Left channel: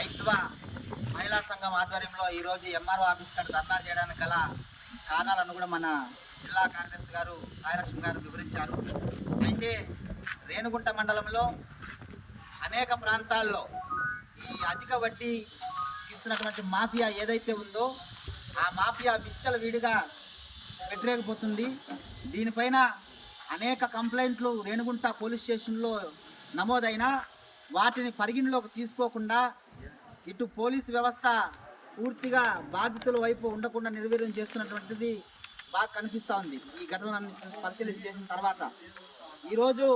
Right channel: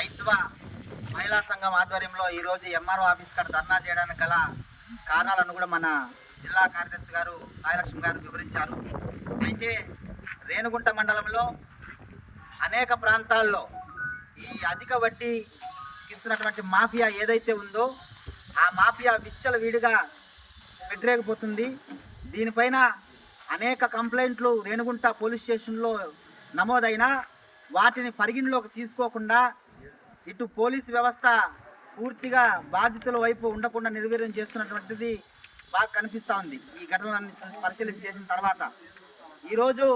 ఐత్వ మహిళా సంఘం ఆధ్వర్యంలో ఈరోజు ఎంఆర్ఓ ఆఫీస్ కాడ ధర్నా చేయడానికి గల కారణాలను కూడా మన జిల్లా కార్యదర్శి గారు సాయిలక్ష్మి గారు వివరించారు. అయితే రేణుగుంట మండలంలో అనేక ప్రాంతాల్లో ఈ అధిక వడ్డీ ఇస్తున్నటువంటి మాఫియా ఏదైతే ఉందో ఆ మాఫియా విచ్చలవిడిగా పెట్టలేకపోతుంది. దీనిపైన అనేక కంప్లైంట్లు రేణుగుంట పోలీస్ స్టేషన్లో నమోదైనా వాటిని పరిగణలోకి తీసుకోకుండా ఇటు పోలీసు వ్యవస్థ పూర్తిగా బాధితుల వైపు ఉండకుండా నిర్వీర్యం చేస్తున్నటువంటిది బాగా కనిపిస్తూ ఉంది. ఈ ఘటనలన్నీ పరిశీలన చేసిన తర్వాత ఈరోజు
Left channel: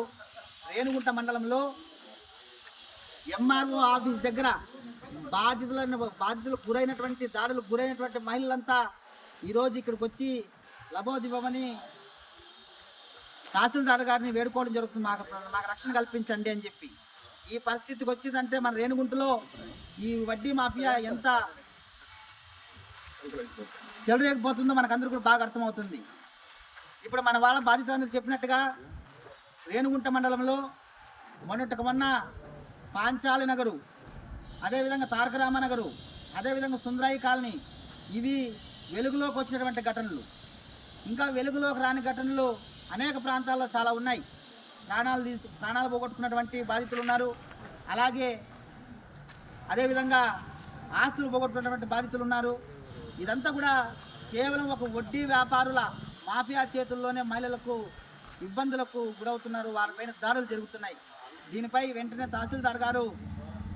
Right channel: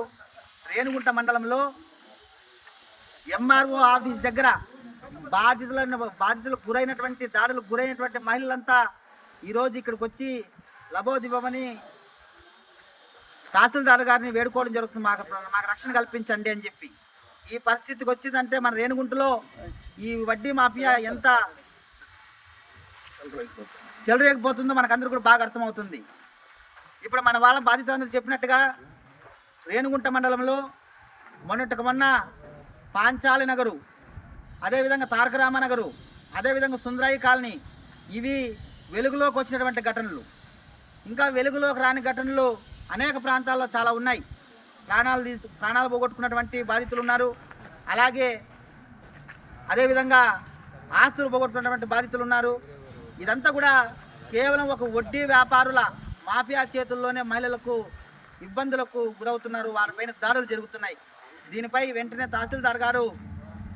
రేణుగుంట మండలంలో ఎంఆర్ఓ ఆఫీస్ దగ్గర బాధితులకు గురైనటువంటి దాడులకు గురైనటువంటి మహిళలంతా ఈరోజు ఇక్కడికి వచ్చి లబోదివ్వమని తహసీల్దార్ గారిని వేడుకోవడం జరుగుతుంది. మాకు రక్షణ కల్పించండి అని చెప్పి. ఈ పరిస్థితికి వచ్చిందంటే మన రేణుగుంటలో ఈ వడ్డీ మాఫియా ఎంత చెలరేగిపోతుందో మనకందరూ కూడా బాగా అర్థమవుతుంది. ఇప్పుడు మన వాళ్ళ బాధితులందరూ చెప్పినట్టుగా రేణుగుంట మండలంలో మొన్న పాంచాలి నగరు, అదేవిధంగా తారకరామ నగరు, అదేవిధంగా సుందరాయి కాలనీ, ఇవి వెలుగులోకి వచ్చినటువంటి ఘటనలు. ఇంకా వెలుగులోకి రాని ఘటనలు అనేక ప్రాంతాల్లో చాలా ఉన్నాయి. ప్రాణాలు పోగొట్టుకున్నటువంటి బాధితులు ఉన్నారు. అలాగే అదేవిధంగా ఆస్తులు పోగొట్టుకున్నటువంటి బాధితులు ఉన్నారు. ఇదంతా కూడా కేవలం ఒక వడ్డీ వ్యాపారుల మాఫియా చేతుల్లోనే మహిళలకు ఇబ్బందులకు గురవుతున్నారు. వారిపైన దాడులు జరుగుతున్నాయి. దీనిపై వెంటనే తహసీల్దార్ గారు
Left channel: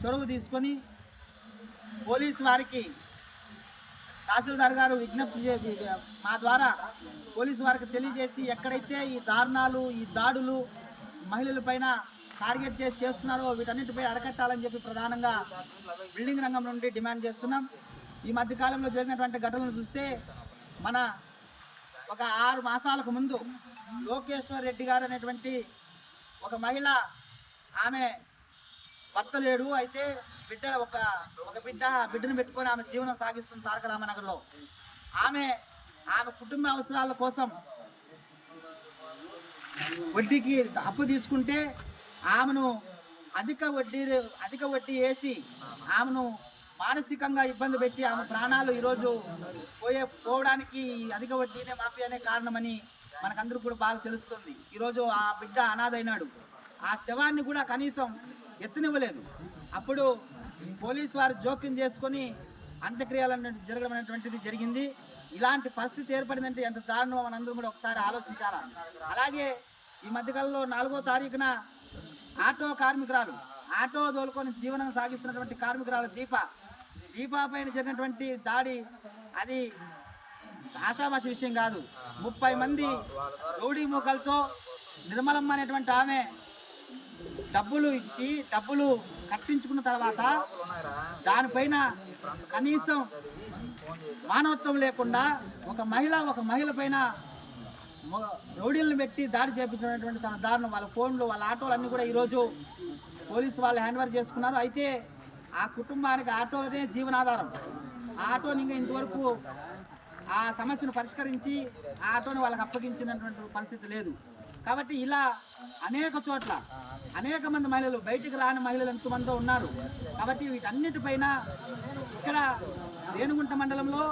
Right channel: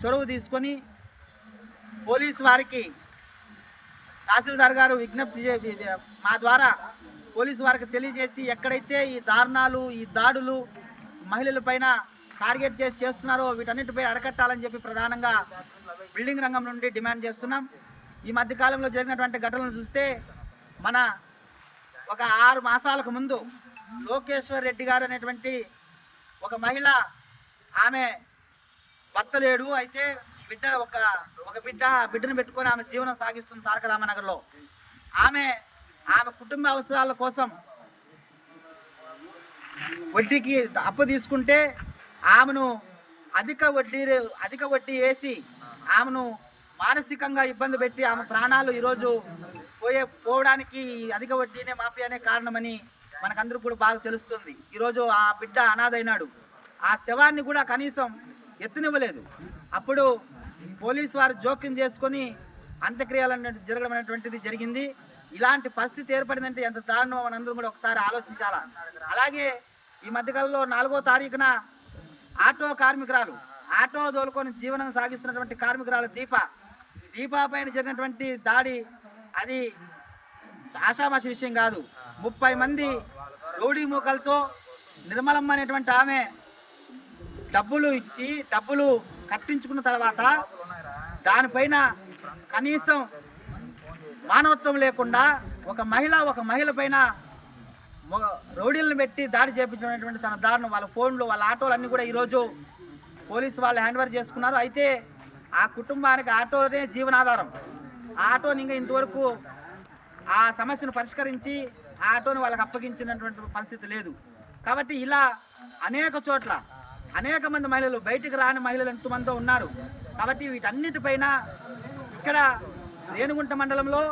చొరవ తీసుకొని పోలీసు వారికి తహసీల్దార్ గారు విజ్ఞప్తి మా ద్వారా పోలీసు వారికి తెలియజేసి ఎక్కడైతే ఈ దారుణాలు ఈ దాడులు మహిళలపైన టార్గెట్ చేస్తున్నారో వీటన్నిటిపై అరికట్టాలని చెప్పి ప్రధానంగా బిల్డింగ్ రంగం నుండి డిమాండ్ చేస్తున్నాం. ఈ మధ్యకాలంలో జరిగినటువంటి ఘటనలు చూస్తే మన ఒక 6 మాసాలకు ముందు లోకేశ్వర్ రెడ్డి గారు అనేటువంటి ఒక మహిళ, ఆమె భర్త లేడు, అయితే బిడ్డను పెట్టుకొని ఆమె జీవనం సాగిస్తుంది తారకరామనగర్లో. ఆమె కుటుంబ అవసరాల కోసం వడ్డీకి అప్పు తీసుకుంటే ఆమెను అధిక వడ్డీ వేసి ఆమెను మానసికంగా ఇబ్బంది పెట్టి ఆమె ప్రాణాలు ఈరోజు పోవడానికి అధిక వడ్డీనే మాఫియానే కారణమని మనకందరూ కూడా బాగా తెలుస్తుంది. ఈరోజు ఆ బిడ్డ అనాథైనాడు. ఆ శవాన్ని కూడా కనీసం ఎత్తునివ్వలేదు. అప్పుడు పోలీసు వారు జోక్యం చేసుకొని అంత్యక్రియలు జరగడం అనేటువంటిది జరిగింది. ఇలాంటి పరిస్థితి ఏర్పడిందంటే ఎంత దారుణమో మనందరూ కూడా ఒకసారి ఆలోచించాలా. అలాగే ఈ మధ్యకాలంలో 4వ తారీఖున ఆటో కార్మికురాలు, ఆటో దోలుకొని జీవనం సాగిస్తున్నటువంటి కార్మికురాలు దీప పైన జరిగినటువంటి దాడి అది ఆషామాషి విషయం కాదు. 30 మంది రౌడీ మూకలతో నిర్మలమ్మ అనేటువంటి ఆమె డబ్బులు కట్టించుకున్న తర్వాత దానిపైన కనీసం మానవత్వం లేకుండా ఒక మహిళ పైన రౌడీలను పెట్టి దాడి చేయించినటువంటి చాలా దారుణం. వాళ్ళ ఫోన్లు, వాళ్ళ ఆటోలు అన్నీ కూడా ఈరోజు పోలీసు వాళ్ళు హ్యాండ్ ఓవర్ చేసుకున్నారు. అయితే ఆ కుటుంబానికి ఆటోనే జీవనాధారం. ఆ ఆటోని ఇంకా ఇంతవరకు ఆ సమస్యను పరిష్కరించి ఆ ఆటోని వాళ్ళకి అప్పగించినటువంటి పరిస్థితి లేదు. కాబట్టి ఇలా అనేక చోట్ల అనేక మంది మహిళలు, బయటికి రాని మహిళలు ఎంతమందో ఉన్నారు. కాబట్టి వీటన్నిటిపైన ఇక్కడ రేణుగుంట మండలంలో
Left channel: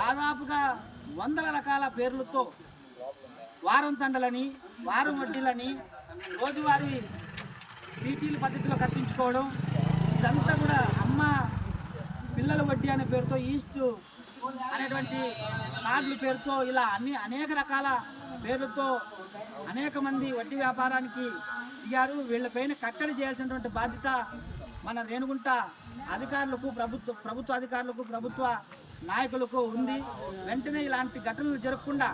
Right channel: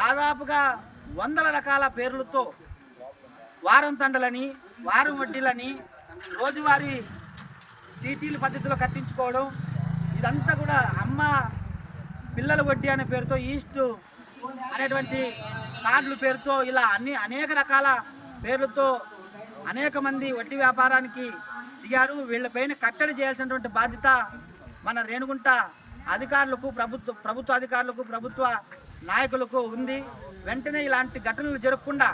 దాదాపుగా 100 రకాల పేర్లతో వారం తండలని, వారం వడ్డీలని, రోజువారీ చీటీలు పద్ధతిలో కట్టించుకోవడం, ఇదంతా కూడా అమ్మ పిల్లల వడ్డీ అనే పేరుతో, ఈస్ట్ అనేటువంటి కార్డుల పేరుతో ఇలా అనేక రకాల పేర్లతో అనేక మంది వడ్డీ వ్యాపారానికి దిగారు. వీళ్ళపైన కట్టడి చేయాల్సినటువంటి బాధ్యత మన రేణుగుంట అధికారులకు, ప్రభుత్వ అధికారులకు, ప్రభుత్వ నాయకులకు ఉంది. వెంటనే ఇలాంటి ఘటనలు జరగకుండా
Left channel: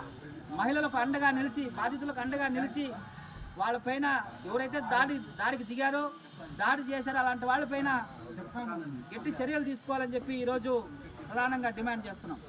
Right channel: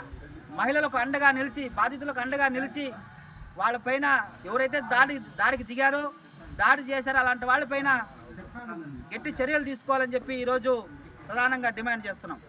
మహిళలకు అండగా నిలిచి, బాధితులకు అండగా నిలిచి వాళ్ళపైన ఎవరైతే దాడికి దిగారో, దాడి చేశారో అలాంటి వాళ్ళపైన గట్టి చర్యలు తీసుకోవాలని చెప్పి ఈరోజు ప్రధానంగా డిమాండ్ చేస్తున్నాం.